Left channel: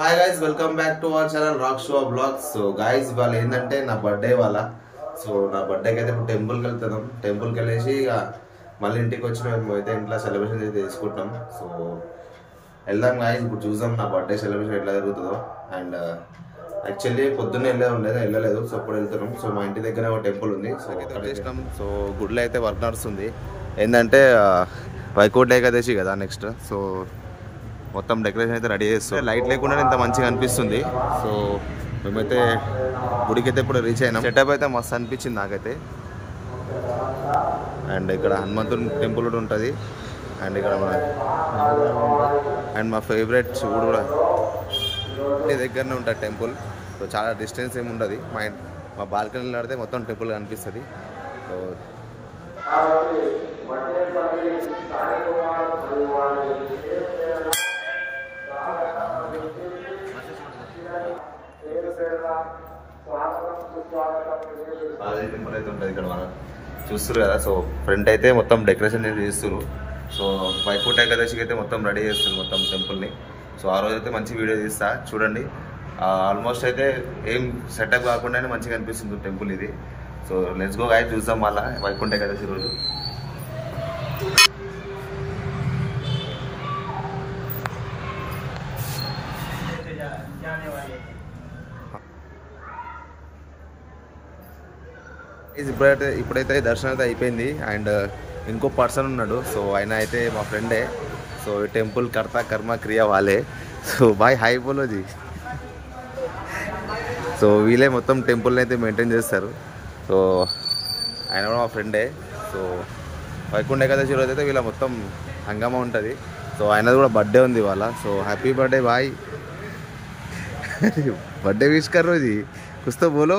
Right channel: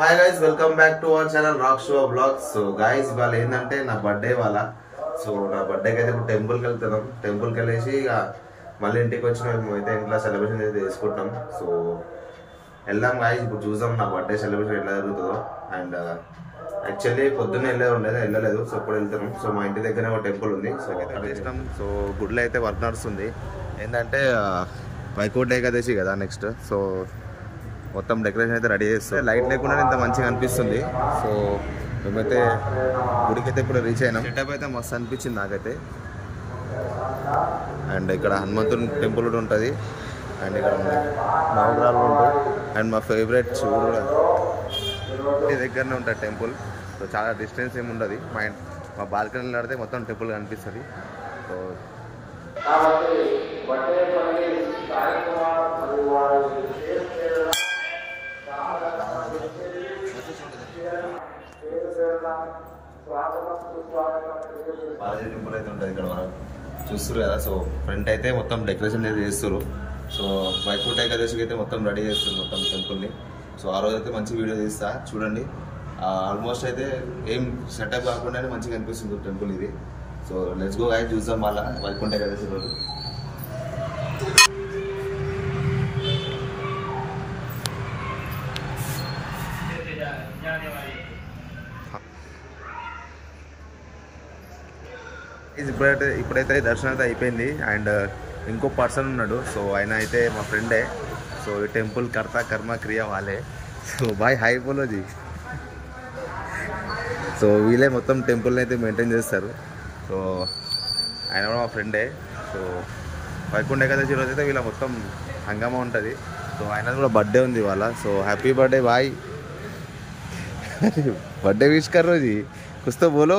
Hi guys, welcome back to our channel rock show blogs. So guys, ఇవాళ ఏంటంటే నా birthday వాళ్ళ. So నా బర్త్డేకి అయితే ఇప్పుడు టెంపుల్కి వెళ్తున్నాం. టెంపుల్కి వెళ్ళేసి ఇక మళ్ళీ ఇంటికి వచ్చి మేము అయితే ఇంట్లో సెలబ్రేషన్ అయితే చేసుకుంటాం. సో వెళ్దాం గాయస్, ఇప్పుడు చూద్దాం నా బర్త్డే సెలబ్రేషన్ ఎట్లా జరుగుతుందో. అండ్ యాక్చువల్లీ పొద్దున్నే వెళ్ళలేదు. సో ఇప్పుడు వెళ్తున్నాం. సో మా ఇంటి దగ్గర ఒక టెంపుల్ ఉంది. సో అక్కడ చేసినాం. సో గుడిలో అయితే వర్క్ నడుస్తుంది. ఏంటంటే వైకుంఠ ఏకాదశి కదా నెక్స్ట్. సో మొత్తం డెకరేషన్ అయితే రెడీ చేస్తాం. లైట్ లేకుండా ఇంత మంచిగా అనిపిస్తుంది. సో మేమైతే గుడికి అయితే ఇప్పుడు రీచ్ అయినాం. సెటప్ అయితే మస్తు అనిపించింది నాకైతే. అండ్ ఇక్కడ హనుమంతుని టెంపుల్ కూడా ఉంటుంది. అండ్ ఇక్కడ మన నవగ్రహాలు ఉంటాయి. అండ్ మా ఫేవరెట్ శివుడు కూడా ఇంటి దగ్గరనే ఉంటుంది టెంపుల్. సో చాలా డిస్టెన్స్ ఏమి ఉండదు. మా బాల్కనీలో నడితే మొత్తం టెంపుల్ కనిపిస్తుంది. సో టెంపుల్ అయితే ఉంటుంది ఇక్కడ చూస్తారు కదా. సో ఫ్రంట్ అయితే మొత్తం డెకరేషన్ అయితే చేస్తారు. సో వైకుంఠ ఏకాదశికి అయితే మొత్తం రెడీ చేస్తారు మొత్తం టెంపుల్ని. సో ఆ రోజు అయితే మంచి వీడియో తీస్తా చూడండి. ఆల్మోస్ట్ అయితే ఏం సెటప్ కాకుండానే మంచిగా అనిపిస్తుంది టెంపుల్ ఇది. సో లెట్స్ గో గాయ్స్, చూద్దాం మళ్ళీ వైకుంఠ ఏకాదశి రోజు. ఇప్పుడైతే దర్శనం అయితే అయిపోయింది. అండ్ ఇంకో పర్సన్ ఉన్నాడు. సో ఆయన అయితే మా ఫ్రెండే. సో ఈ టెంపుల్ కర్త కర్మ క్రియ వాళ్ళే. సో బాయ్ హాయ్ బోలోజీ. సో వీళ్ళే మొత్తం టెంపుల్ని అయితే మెయింటైన్ చేస్తారు. సో ఆయన కూడా మా ఫ్రెండే. సో వైకుంఠ ఏకాదశి రోజు అయితే వీళ్ళ మొత్తం హంగామా ఉంటుంది. సో ఆయనది కూడా బర్త్డే ఉంది వాళ్ళ. So happy birthday boy. Birthday wish कर रहे हो जी, कुछ तो बोलो.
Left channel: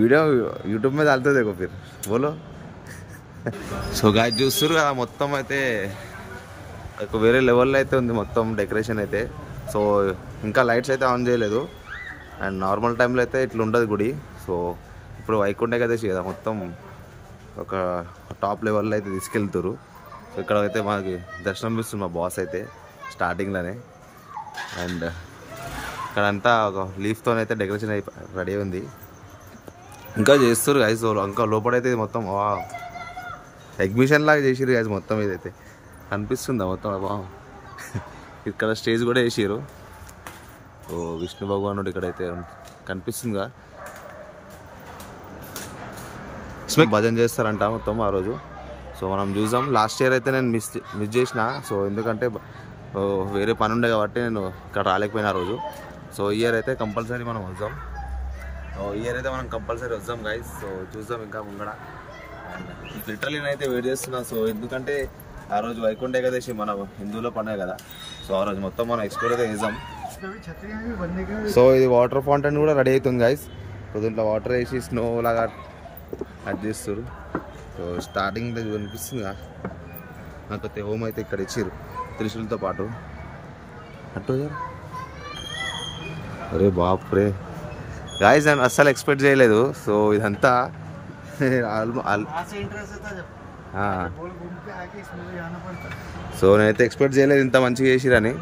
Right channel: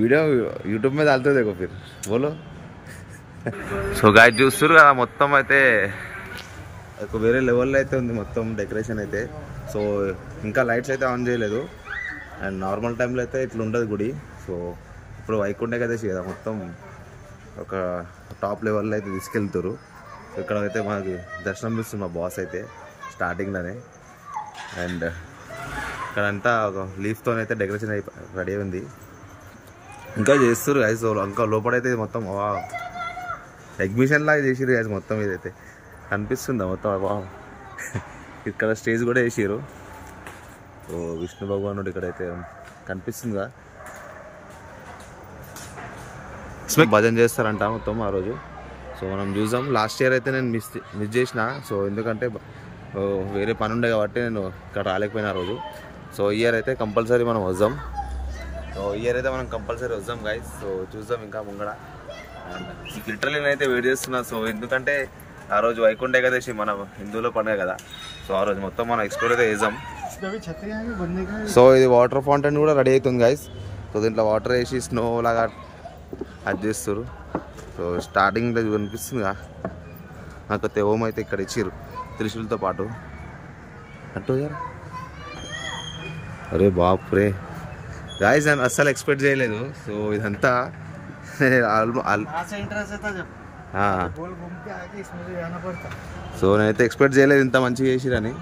वीडियो यूट्यूब में डालते देखो फिर बोलो. సో గాయ్స్ చూస్తారు కదా, మొత్తం అయితే వేరే లెవెల్లో అయితే ఉంది మొత్తం డెకరేషన్ అయితే. సో ఇంకా లైట్స్ అయితే ఆన్ చేయలేదు. అండ్ నార్మల్ టైంలో అయితే ఇట్లా ఉండదు గుడి. సో ఇప్పుడు వైకుంఠ ఏకాదశి కదా, మొత్తం ఒక టాప్ లెవెల్లో అయితే తీసుకెళ్తారు. సో ఇక్కడ అయితే మాకు దర్శనం ఇస్తుంది మా బాస్ అయితే స్టార్టింగ్లోనే. అండ్ ఇక్కడంతా ఒక లీఫ్తో అయితే డెకరేషన్ రెడీ ఉంది. ఇంకా చేస్తారు గైస్. ఇంకా లోపలైతే మొత్తం ఎగ్జిబిషన్ లాగా చేసిరు గైస్. మొత్తం ఇదైతే కనిపిస్తుందా మొత్తం. ఇక్కడ స్టేజ్ కూడా వేసారు. ఓ విష్ణు భగవానుడు ఇక్కడైతే కనిపిస్తుందిగా. భజన చేస్తారంట మొత్తం ఆ రోజు. సో మనం చూసాం. లాస్ట్ ఇయర్ అయితే నేను మిస్ చేసిన. సో ఎందుకంటే వేరే పని ఉండే కాబట్టి నేను ఇక్కడ రాలేకపోయినా ఆ రోజు. సో ఇయర్ అయితే కంపల్సరీ మనం వద్దాం. సో ఇయర్ అయితే మనం కంపల్సరీ వద్దాం గైస్. సో చూద్దాం ఇంకా ముంగడ. అండ్ లిటరల్లీ నేనైతే వెయిట్ చేస్తున్నా. సో ఎందుకంటే ఆ రోజు వైకుంఠ ఏకాదశి మన హిందువులో పండుగ కదా. సో ఆ రోజు మొత్తం మనం ఎక్స్ప్లోర్ అయితే చేద్దాం. సో ఇది వాటర్ ఫౌంటైన్ కూడా రెడీ అవుతుంది గైస్. సో దీంట్లో వాటర్ వేసి స్నో లాగా అది చేస్తారు. సో స్టార్టింగ్లో కనిపిస్తుందిగా నాకైతే ఓం అయితే ఇక్కడ ఇచ్చారు త్రిశూలతో పాటు. అటు అరే బాప్రే గాయస్, నేను అస్సలు ఎక్స్పెక్ట్ చేయలేదు. సో ఇదంతా సో నేనైతే ఎక్స్పెక్ట్ చేయలేదు ఇంత మంచిగా చేసిరని.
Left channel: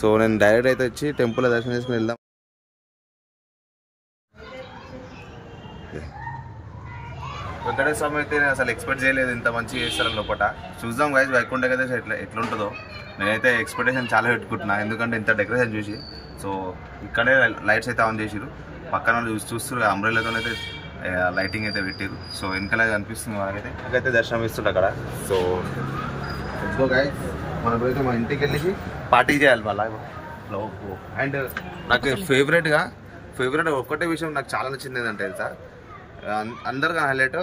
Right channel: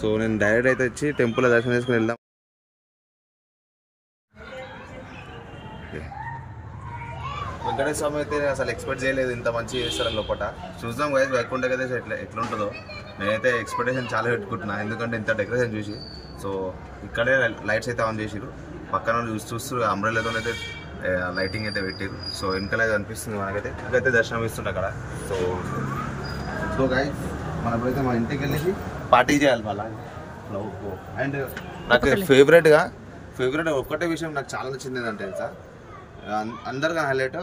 సో నేను డైరెక్ట్ అయితే వచ్చి టెంపుల్లో దర్శనం చేసుకుని వెళ్దాం. వెంకటేశ్వర స్వామి అయితే అసలు ఎక్స్పెక్ట్ చేయలేదు ఇంత మంచిగా చేస్తారని లోపల. చూద్దాం గైస్ వైకుంఠ ఏకాదశి ఎట్లుంటుందో. నేనైతే ఎక్స్పెక్టేషన్ చాలా పెట్టుకుంటున్నా ఎందుకంటే ఇంత డెకరేషన్ చూసి. సో ఇక్కడే లైట్స్ అయితే ఆన్ చేసిరు. పక్కన చూస్తారు అంబ్రెల్లాతో అయితే లైటింగ్ అయితే పెట్టారు. సో వెనకాల అనిపిస్తుంది మనకైతే. నాకైతే దర్శనం ఇస్తుంది అక్కడ. సో లెట్స్ గో గైస్, మనం ఇప్పుడైతే మన ఇంటికి వెళ్ళేసి పార్టీ చేయాలి మళ్ళీ. అండ్ నాకు ఫేవరెట్ ఒక్కటే విషయం నాకు చాలా నచ్చింది ఏంటంటే తెలుసా, అందరికీ హైలైట్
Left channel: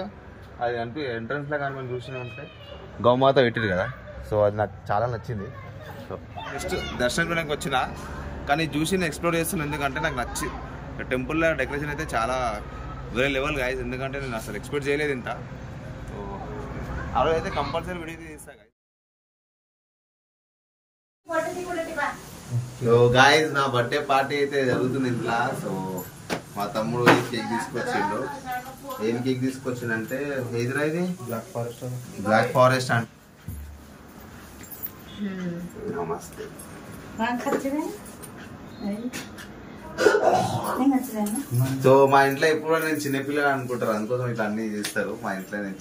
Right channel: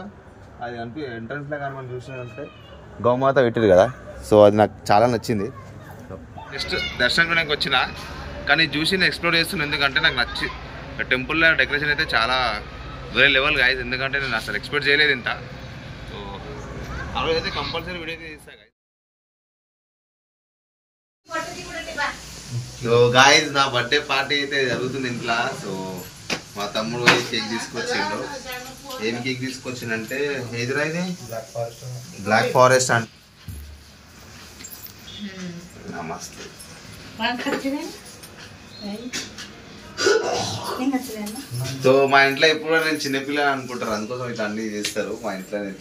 అది ఎంట్రన్స్లో కానీ మనం చూసినామంటే గౌమాత పెట్టారు కదా. సో అది నాకు చాలా నచ్చింది. సో జస్ట్ దర్శనం కూడా వచ్చిన కానీ చూసి నేను ఎక్స్ప్లోర్ చేస్తున్నాను. ఎందుకంటే నాకు నచ్చి టెంపుల్లో డెకరేషన్ అయితే చాలా వేరే లెవెల్ గాయస్. ఎందుకంటే నేను అసలు ఎక్స్పెక్ట్ చేయలేదు ఇంత. సో ఆ రోజు అయితే కంపల్సరీ వీడియో తీస్తా గాయస్. సో గాయస్ నా బర్త్డే పార్టీ అయితే జరుగుతుంది ఇంట్లో. సో మా తమ్ముడు కేక్ తీసుకొచ్చిండు. ఏం కేక్ తీసుకొచ్చిందంటే ఏదిరా ఇది బ్లాక్ ఫారెస్ట్ అంటే నమస్తే. సో మా ఇంట్లో ఎప్పుడు నేను చిన్నపిల్లలు అనుకుంటారు, అందుకోసం ఇట్లా అన్ని చేస్తారు మా ఇంట్లో. నేను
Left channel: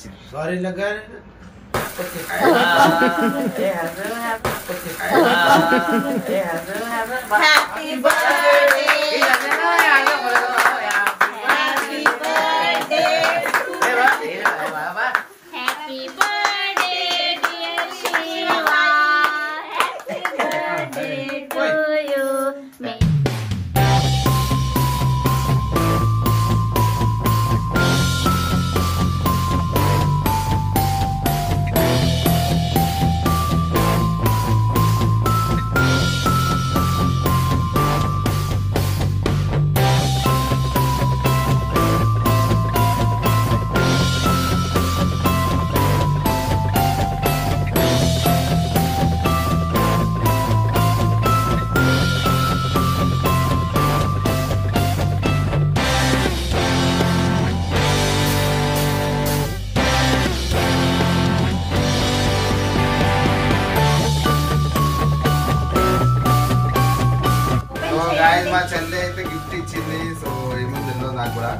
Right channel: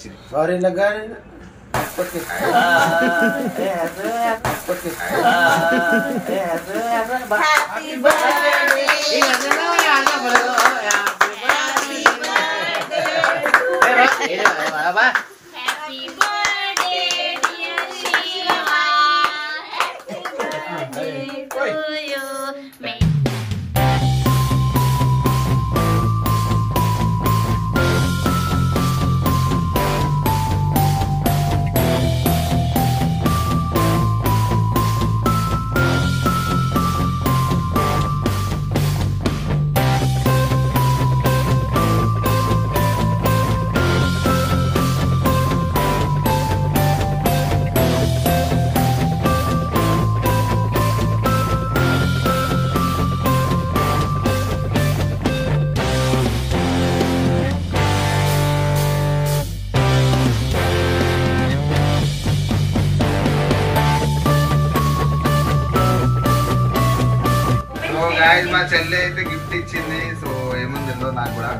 మా చెల్లె అయితే గిఫ్ట్ ఇచ్చింది. సో ఏముంది తెలియదు నాకు కూడా.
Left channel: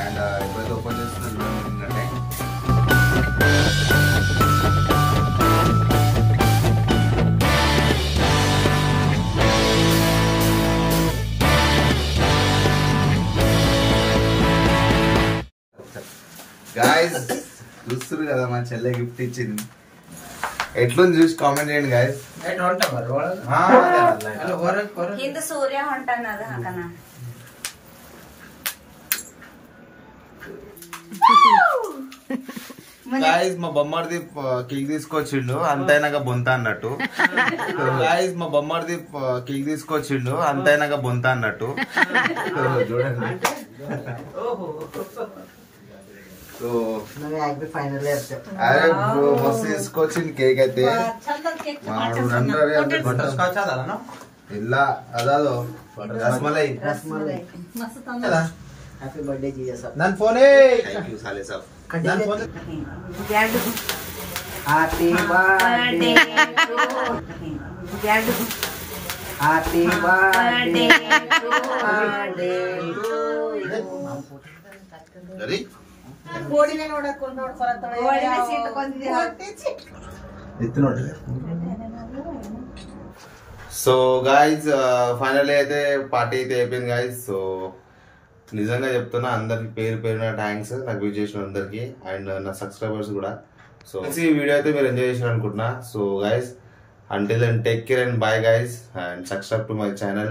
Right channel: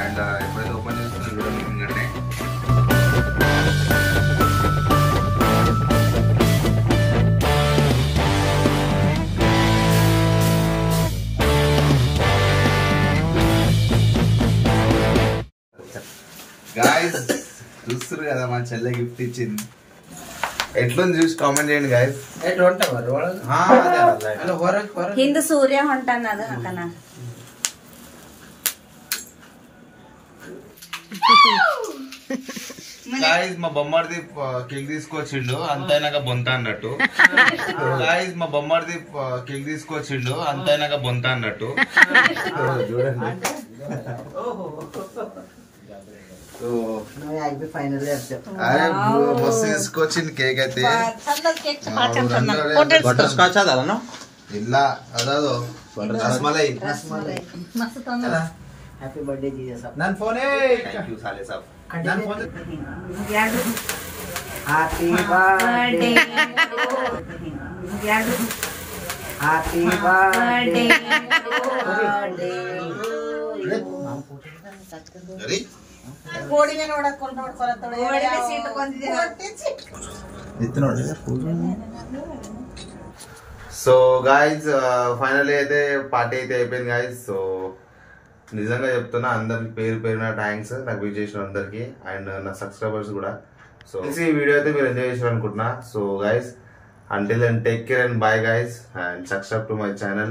అండ్ ఎప్పుడైతే ఓపెన్ చేస్తుంది కూడా మిగిలినట్టే. గాయస్ చూస్తున్నారు కదా మా చెల్లె గిఫ్ట్ ఇచ్చింది. ఎట్లుంది చూసి కామెంట్ చేయండి గాయస్. కింద సూర్యం అంటున్నది అక్కడ. గాయస్ మా బొమ్మడిది కేక్ తీసుకొచ్చిండు అంతైనాక బొంత అన్నట్టు. గాయస్ మా బొమ్మడిది కేక్ తీసుకొచ్చిండు అంతైనాక బొంత అన్నట్టు. చూడండి. అరే మస్తు తీసుకొచ్చింది కేక్ అయితే. ఇలా అదాదో రస్మలై. హ్యాపీ బర్త్డే జీజా సాబ్. నన్ ఫోనే థ్యాంక్ యూ సాలే సాబ్. Happy birthday happy birthday ready. So guys finally అయితే పార్టీ అయితే అయిపోయింది గాయస్. సో నిజంగా చెప్తున్నా అందరికి పేరు పేరున థ్యాంక్స్ నాకు విష్ చేసిన అందరికి అండ్ నా సబ్స్క్రైబర్స్ కూడా. సో ఈ వీడియో అయితే మీరు ఎంజాయ్ చేసిన అనుకుంటున్నా. So guys until and take care and bye guys and subscribe to my channel.